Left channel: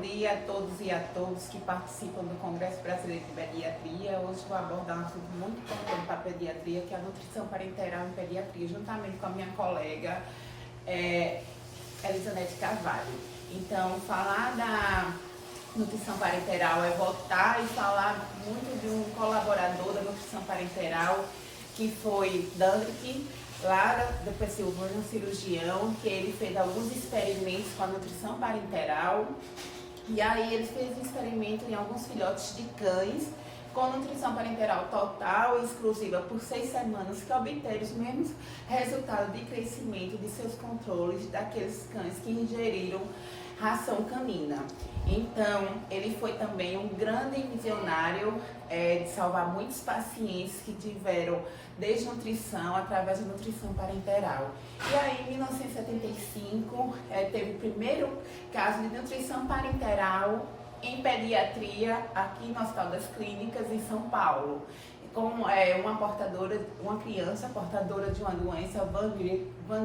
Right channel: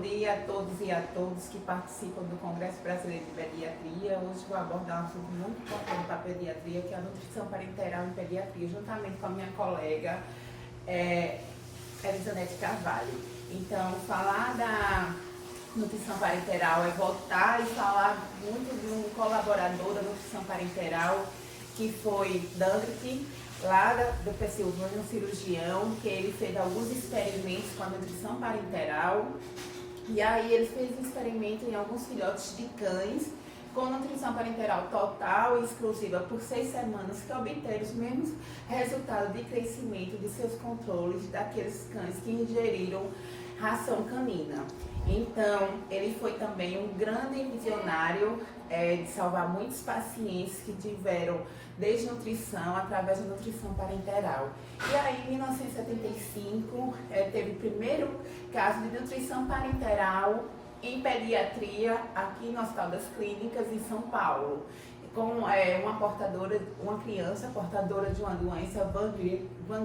dia a todos e a todas que participam do Congresso Brasileiro de Pediatria. Hoje vou abordar um assunto muito importante para a pediatria, que é a nutrição parenteral em pediatria, juntamente com a minha colega Elizanete Carvalho. Então, falar da nutrição parenteral é voltar e falar muito de um colaborador da nutrição parenteral, que foi Dandrick, lá da Pensilvânia, um cirurgião, que ele fez alguns experimentos com a nutrição parenteral. E aí ele fez um experimento em alguns filhotes de cães com nutrição parenteral total e exclusiva por 6 semanas, que obteram os mesmos resultados de crescimento de seus controles daqueles cães que ingeriram ração canina. Então, ele foi também um grande visionário de salvar muitos pacientes que tiveram desnutrição através da nutrição parenteral. E aí, em 1975, teve o primeiro caso de nutrição parenteral em pediatria aqui no Hospital das Clínicas, em São Paulo, com uma criança portadora de uma doença Van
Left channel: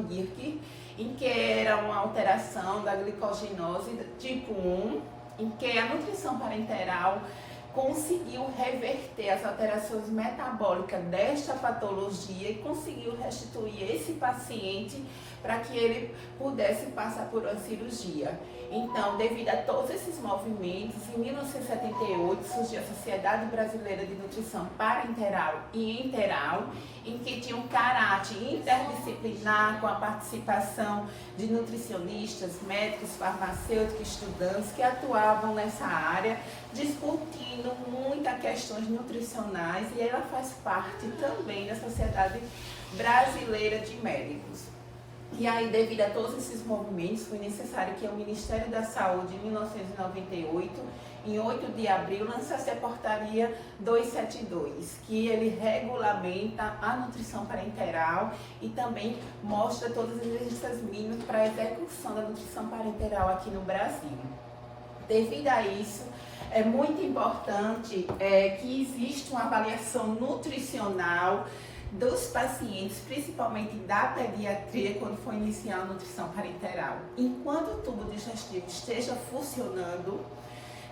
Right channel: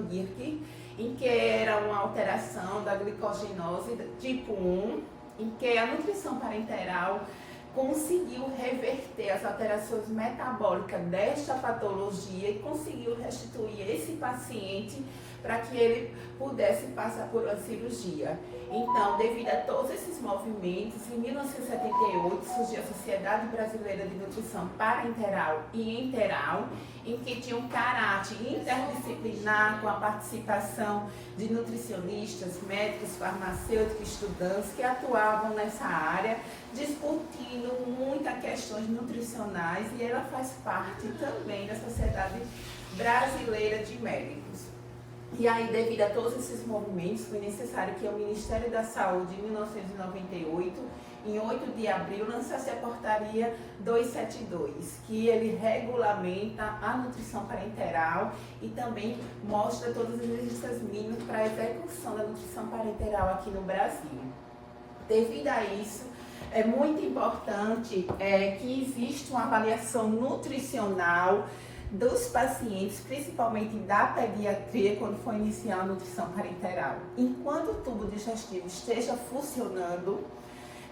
Gierke, em que era uma alteração da glicogenose tipo 1, em que a nutrição parenteral conseguiu reverter as alterações metabólicas desta patologia e conseguiu restituir esse paciente para que ele pudesse passar por uma cirurgia. Então, devido a todos esses movimentos, em 1978 surgiu a Sociedade Brasileira de Nutrição Parenteral e Enteral, em que tinha um caráter interdisciplinar com a participação de nutricionistas, médicos, farmacêuticos, estudantes que atuavam nessa área, discutindo muitas questões nutricionais, e ela faz parte também da Sociedade Brasileira de Médicos. E aí, devido a todos esses movimentos, foi necessário que o Ministério da Saúde, em 1998, em 8 de abril, lançasse a Portaria 272, que ele regulamenta a nutrição parenteral e também mostra todas as exigências mínimas para a execução da nutrição parenteral aqui no Brasil. Devido a isso, é muito importante que exista uma avaliação nutricional dos pacientes, principalmente da pediatria, quando for iniciar a nutrição parenteral. Enquanto o tubo digestivo esteja funcionando,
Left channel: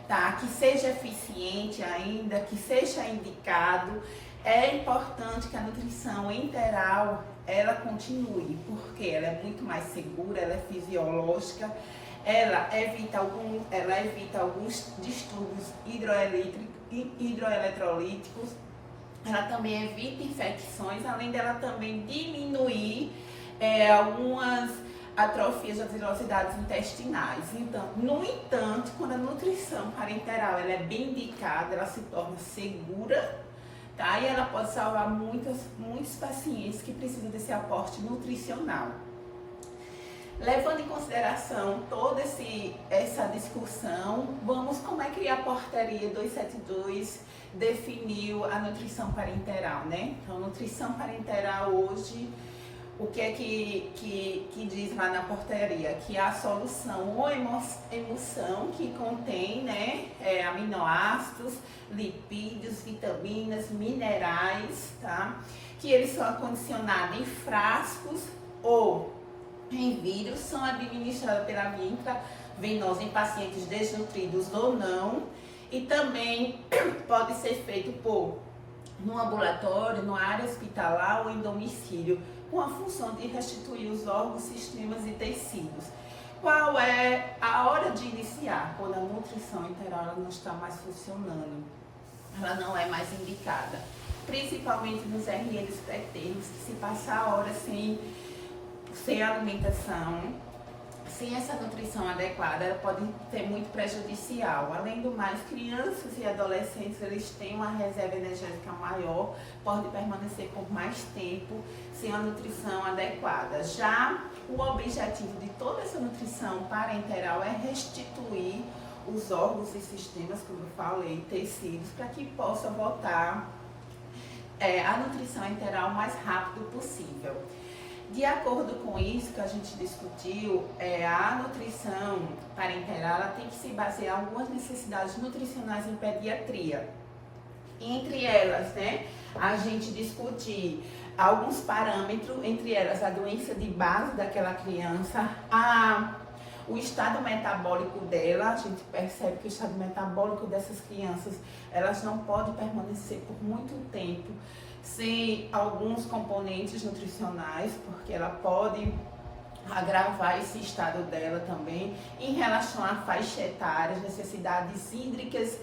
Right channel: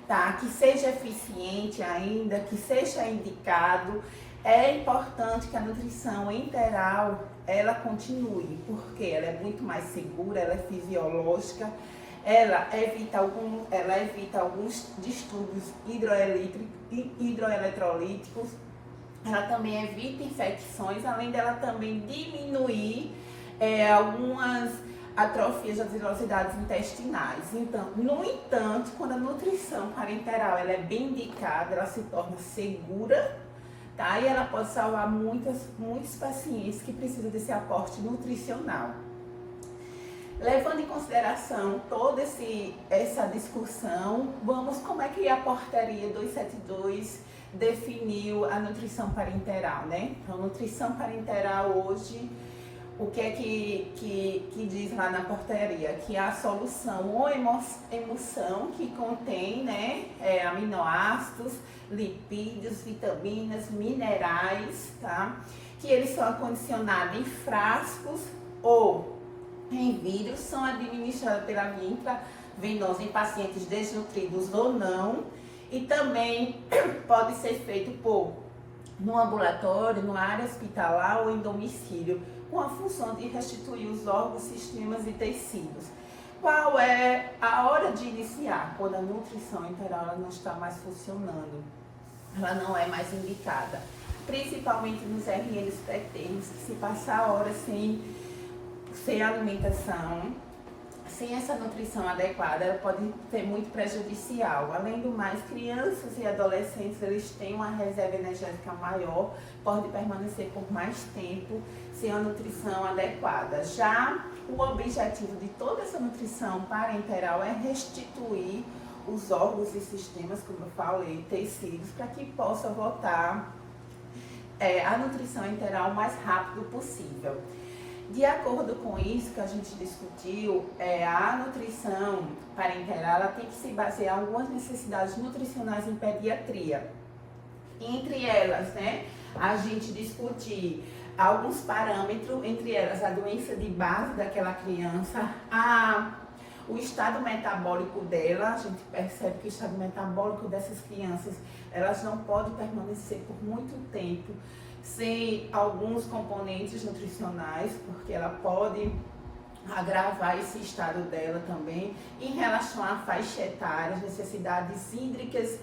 tá? Que seja eficiente ainda, que seja indicado, é importante que a nutrição enteral ela continue, porque ela é muito mais segura, ela é fisiológica, ela evita alguns distúrbios hidroeletrolíticos. Ela também evita infecções, além dela também diminuir algumas atrofias das velocidades intestinais. Então, no entanto, quando a nutrição parenteral ela é bem indicada, ela se torna segura, tá? E ela pode salvar muitos pacientes que precisam desse aporte nutricional. Levando em consideração toda essa discussão, vamos como é que a Portaria 272 definiu a nutrição parenteral, né? Então, nutrição parenteral hoje, o que é que diz lá na portaria? Que a solução ou emulsão que contém, né, aminoácidos, lipídios, vitaminas, minerais, tá? Que eles são acondicionados em frascos ou em vidro, são administrados pela via intravenosa em pacientes desnutridos ou não, e também pode ser feito no ambulatório, na área hospitalar ou em domicílio, com a função de restituir os órgãos, sistemas e tecidos. Qual é a hora de iniciar? Quando a nutrição enteral ela não está mais funcionando, ela não é mais indicada, principalmente nos RNs pré-termos, que se passar horas sem alimentação, sem essa nutrição adequada, ela pode ser muito prejudicial. Além do mais, crianças e adolescentes, eles têm uma reserva energética maior, podem permanecer por mais tempo sem a nutrição adequada. Já o objetivo de toda essa nutrição parenteral é restituir os órgãos e sistemas, como eu falei, tecidos, para que possa voltar a nutrição enteral o mais rápido possível. De acordo com isso que a gente discutiu, a nutrição parenteral ela tem que se basear em algumas necessidades nutricionais em pediatria. Entre elas, né, a gente discutir alguns parâmetros, entre elas a doença de base daquela criança, o estado metabólico dela, a gente percebe que o estado metabólico dessas crianças, elas não podem permanecer por muito tempo sem alguns componentes nutricionais, porque ela pode agravar esse estado dela também. Em relação à faixa etária, as necessidades hídricas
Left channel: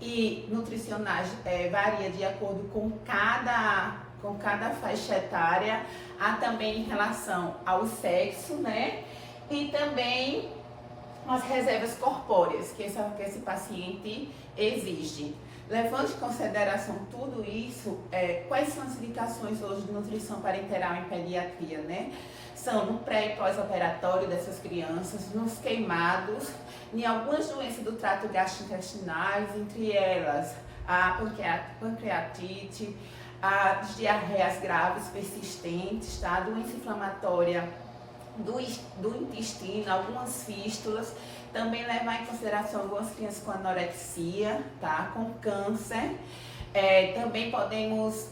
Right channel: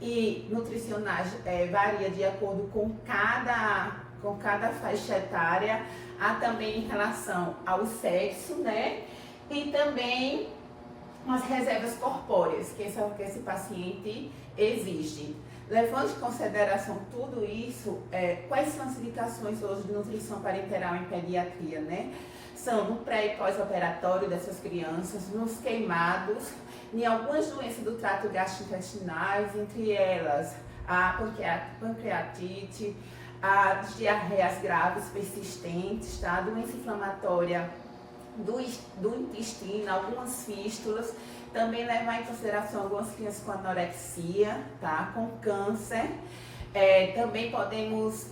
e nutricionais varia de acordo com cada faixa etária. Há também em relação ao sexo, né? E também as reservas corpóreas que esse paciente exige. Levando em consideração tudo isso, quais são as indicações hoje de nutrição parenteral em pediatria, né? São no pré e pós-operatório dessas crianças, nos queimados, em algumas doenças do trato gastrointestinais, entre elas a pancreatite, as diarreias graves persistentes, tá? A doença inflamatória do intestino, algumas fístulas. Também levar em consideração algumas crianças com anorexia, tá? Com câncer. Também podemos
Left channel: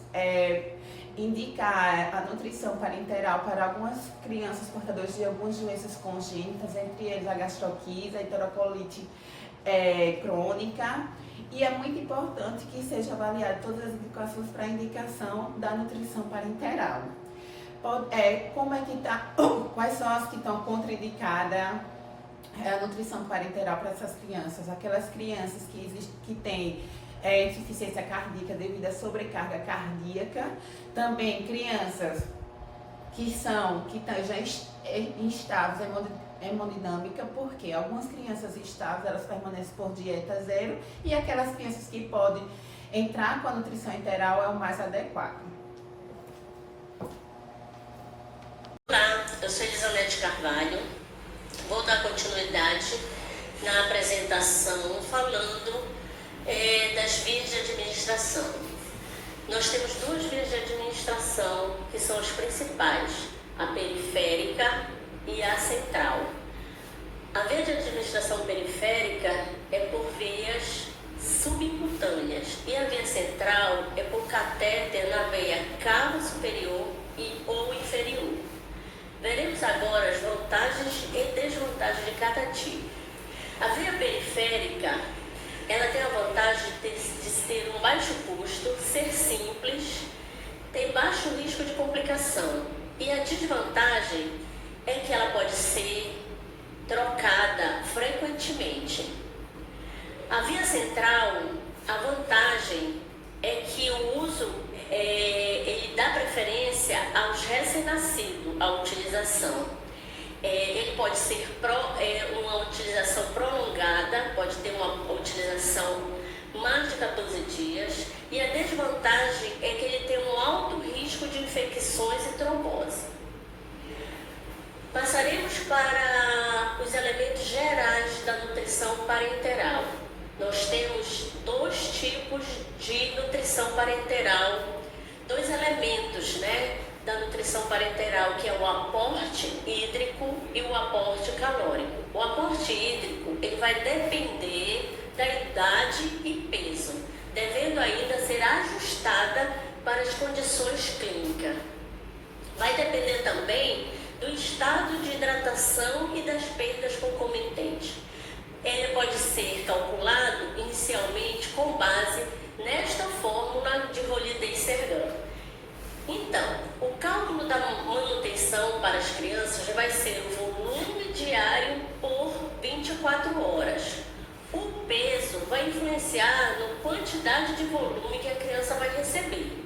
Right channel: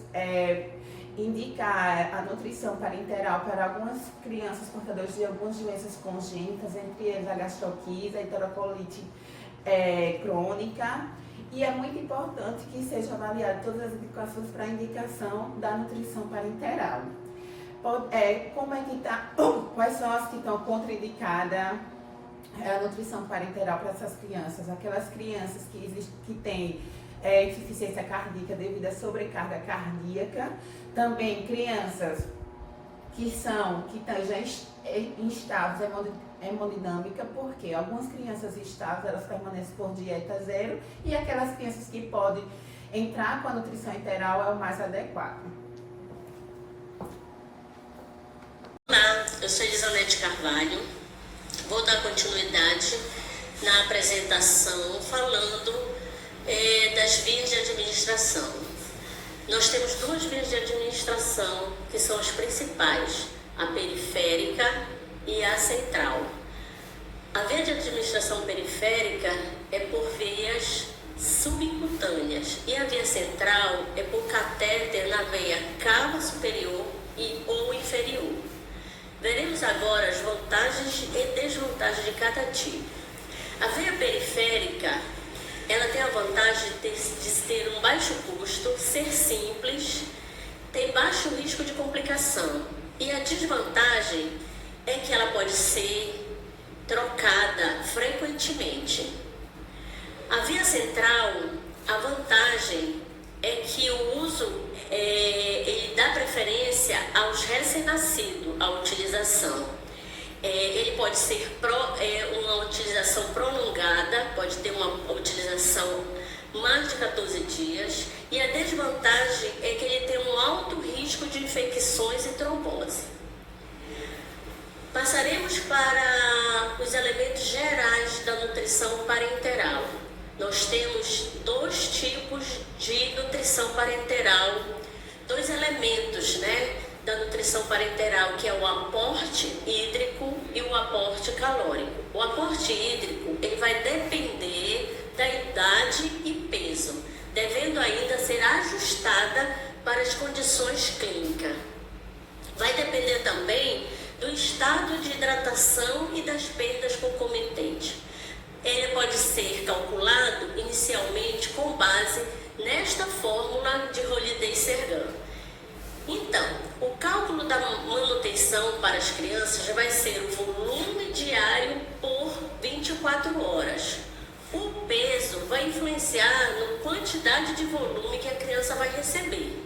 indicar a nutrição parenteral para algumas crianças portadoras de algumas doenças congênitas, entre eles a gastroquise, a enterocolite crônica. E é muito importante que seja avaliado todas as indicações para a indicação da nutrição parenteral. Como é que tá, quais são as que estão contraindicadas a nutrição parenteral para essas crianças? Aquelas crianças que têm insuficiência cardíaca devido à sobrecarga cardíaca. Também crianças que estão já instáveis hemodinâmica, porque algumas crianças estáveis elas permanecem por dieta zero, e aquelas crianças que podem entrar com a nutrição enteral é o mais adequado. Olá, eu sou Elisonete Carvalho. Vou dar continuidade na apresentação falando das vias de administração. Nós temos duas vias de administração que são as principais, a periférica e a central. A via de administração periférica é por vias subcutâneas e a via central é por catéter na veia cava superior ou inferior. Veremos agora as vantagens e desvantagens de cada tipo. A via periférica, ela tem a vantagem de ter um baixo custo, ser simples, tem baixo risco de complicação. E a desvantagem é que ela pode ser trocada frequentemente. A via central, a vantagem é que o uso ele dá preferência aos recém-nascidos, a utilização. Ele pode ser uma utilização prolongada, pode ter uma utilização mais de 14 dias, e a desvantagem é que ele tem um alto risco de infecções e trombose. Passaremos para os elementos gerais da nutrição parenteral. Nós temos dois tipos de nutrição parenteral, dois elementos, né, da nutrição parenteral, que é o aporte hídrico e o aporte calórico. O aporte hídrico, ele vai depender da idade e peso, devendo ainda ser ajustada para as condições clínicas. Vai depender também do estado de hidratação e das perdas concomitantes. Ele pode ser calculado inicialmente com base nesta fórmula de Holiday-Sergan. Então, o cálculo da manutenção para as crianças vai ser o volume diário por 24 horas. O peso vai influenciar na quantidade de volume que a criança vai receber.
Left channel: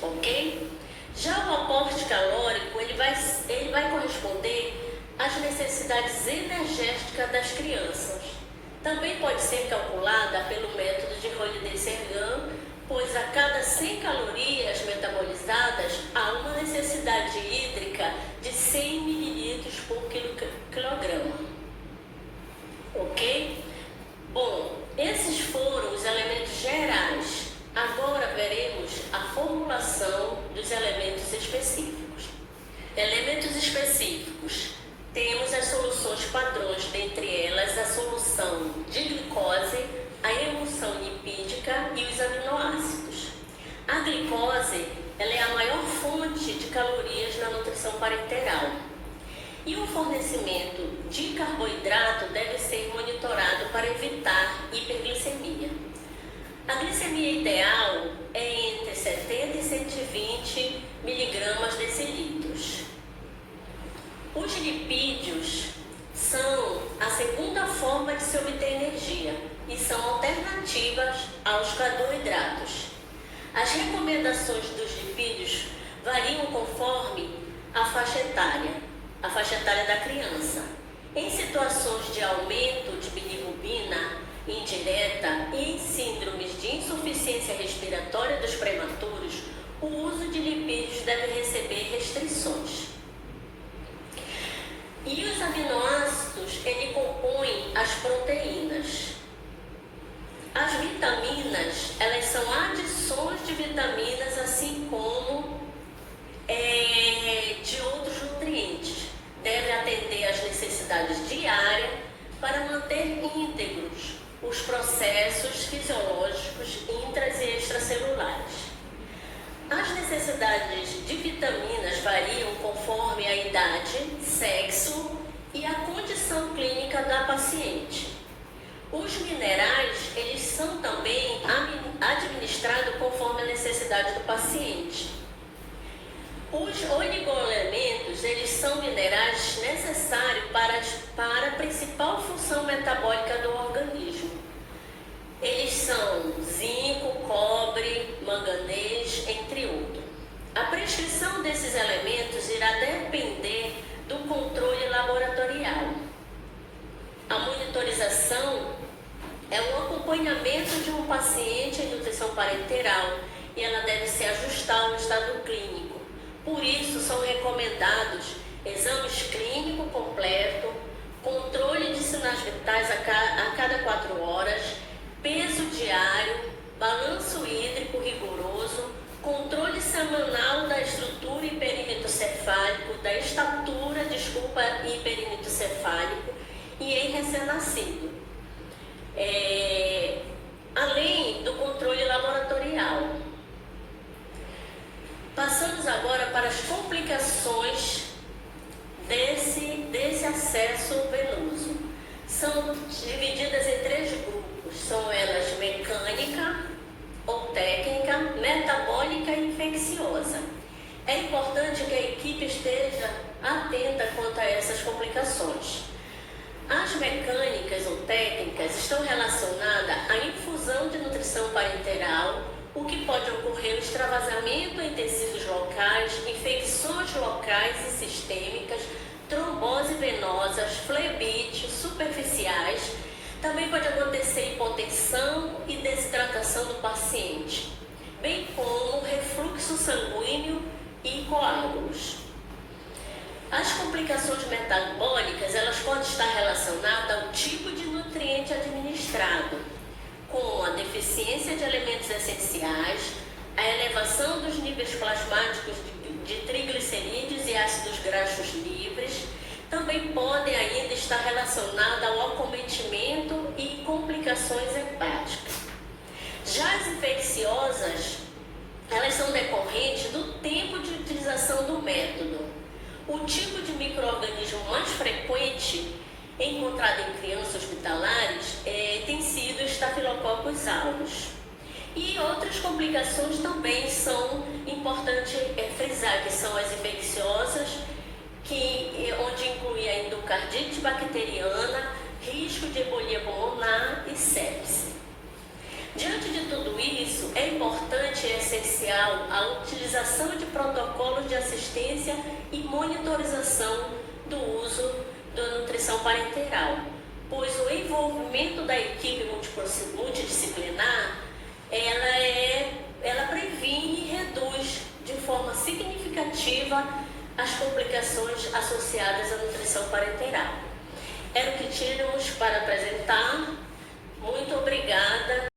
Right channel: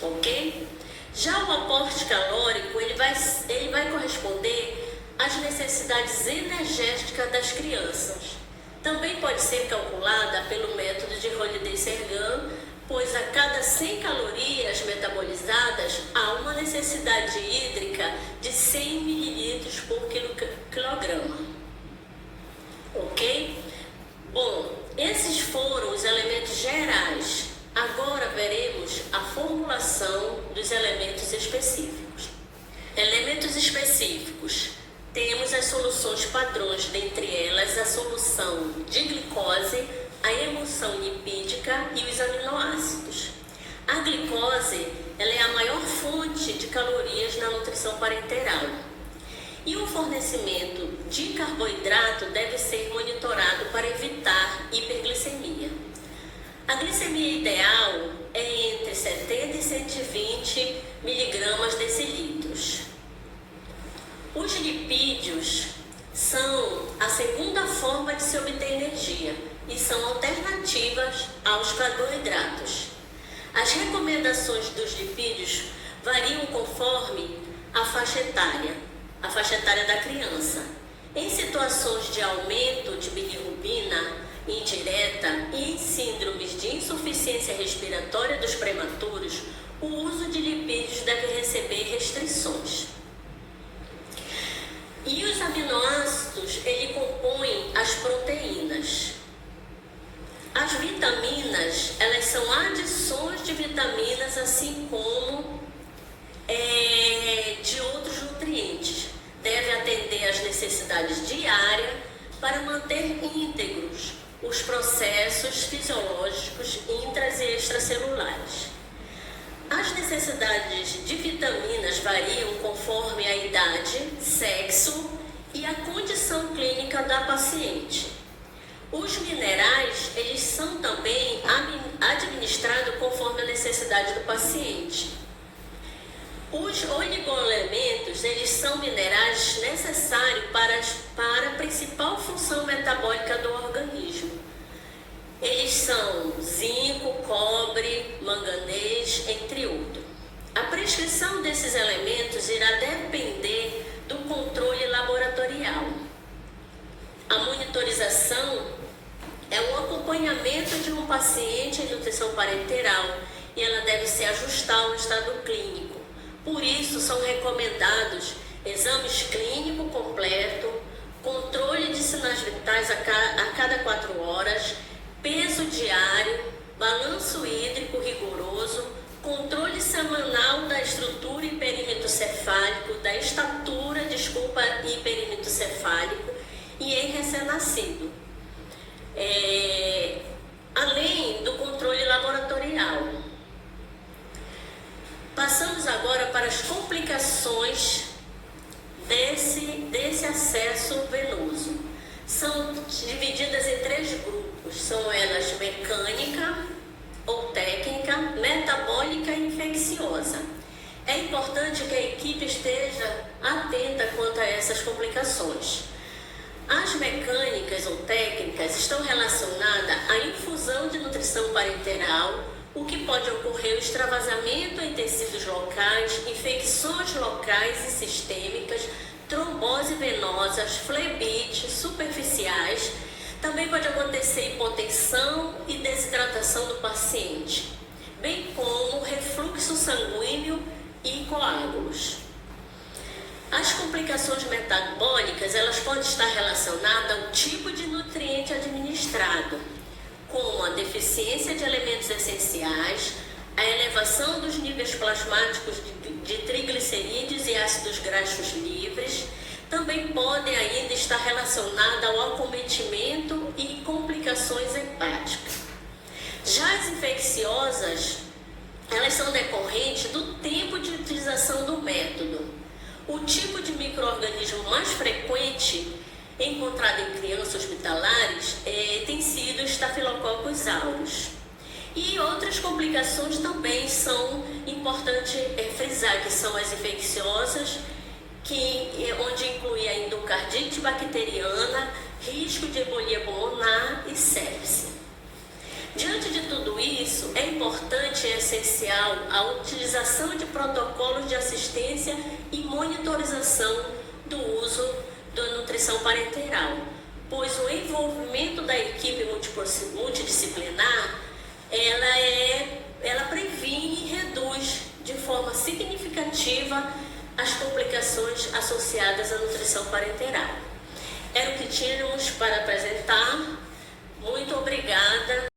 Ok? Já o aporte calórico, ele vai corresponder às necessidades energéticas das crianças. Também pode ser calculada pelo método de Holiday-Sergan, pois a cada 100 calorias metabolizadas há uma necessidade hídrica de 100 ml por quilograma. Ok? Bom, esses foram os elementos gerais. Agora veremos a formulação dos elementos específicos. Elementos específicos. Temos as soluções padrões, dentre elas a solução de glicose, a emulsão lipídica e os aminoácidos. A glicose, ela é a maior fonte de calorias na nutrição parenteral. E o fornecimento de carboidrato deve ser monitorado para evitar hiperglicemia. A glicemia ideal é entre 70 e 120 miligramas decilitros. Os lipídios são a segunda forma de se obter energia e são alternativas aos carboidratos. As recomendações dos lipídios variam conforme a faixa etária da criança. Em situações de aumento de bilirrubina indireta e em síndromes de insuficiência respiratória dos prematuros, o uso de lipídios deve receber restrições. E os aminoácidos, ele compõem as proteínas. As vitaminas, elas são adições de vitaminas, assim como de outros nutrientes. Deve atender às necessidades diárias para manter íntegros os processos fisiológicos intras e extracelulares. As necessidades de vitaminas variam conforme a idade, sexo e a condição clínica da paciente. Os minerais, eles são também administrados conforme a necessidade do paciente. Os oligoelementos, eles são minerais necessários para a principal função metabólica do organismo. Eles são zinco, cobre, manganês, entre outros. A prescrição desses elementos irá depender do controle laboratorial. A monitorização é um acompanhamento de um paciente em nutrição parenteral e ela deve se ajustar ao estado clínico. Por isso, são recomendados exames clínicos completos, controle de sinais vitais a cada 4 horas, peso diário, balanço hídrico rigoroso, controle semanal da estrutura e perímetro cefálico, da estatura, e perímetro cefálico e em recém-nascido. Além do controle laboratorial. Passamos agora para as complicações desse acesso venoso. São divididas em 3 grupos. São elas mecânica ou técnica, metabólica e infecciosa. É importante que a equipe esteja atenta quanto a essas complicações. As mecânicas ou técnicas estão relacionadas à infusão de nutrição parenteral, o que pode ocorrer o extravasamento em tecidos locais, infecções locais e sistêmicas, trombose venosas, flebites superficiais. Também pode acontecer hipotensão e desidratação do paciente, bem como refluxo sanguíneo e coágulos. As complicações metabólicas, elas podem estar relacionadas ao tipo de nutriente administrado, como a deficiência de elementos essenciais, a elevação dos níveis plasmáticos de triglicerídeos e ácidos graxos livres. Também podem ainda estar relacionadas ao acometimento e complicações hepáticas. Já as infecciosas, elas são decorrentes do tempo de utilização do método. O tipo de micro-organismo mais frequente encontrado em crianças hospitalares tem sido Staphylococcus aureus. E outras complicações também são importantes frisar, que são as infecciosas, onde inclui a endocardite bacteriana, risco de embolia pulmonar e sepse. Diante de tudo isso, é importante e essencial a utilização de protocolos de assistência e monitorização do uso da nutrição parenteral, pois o envolvimento da equipe multidisciplinar, ela previne e reduz de forma significativa as complicações associadas à nutrição parenteral. Era o que tínhamos para apresentar. Muito obrigada.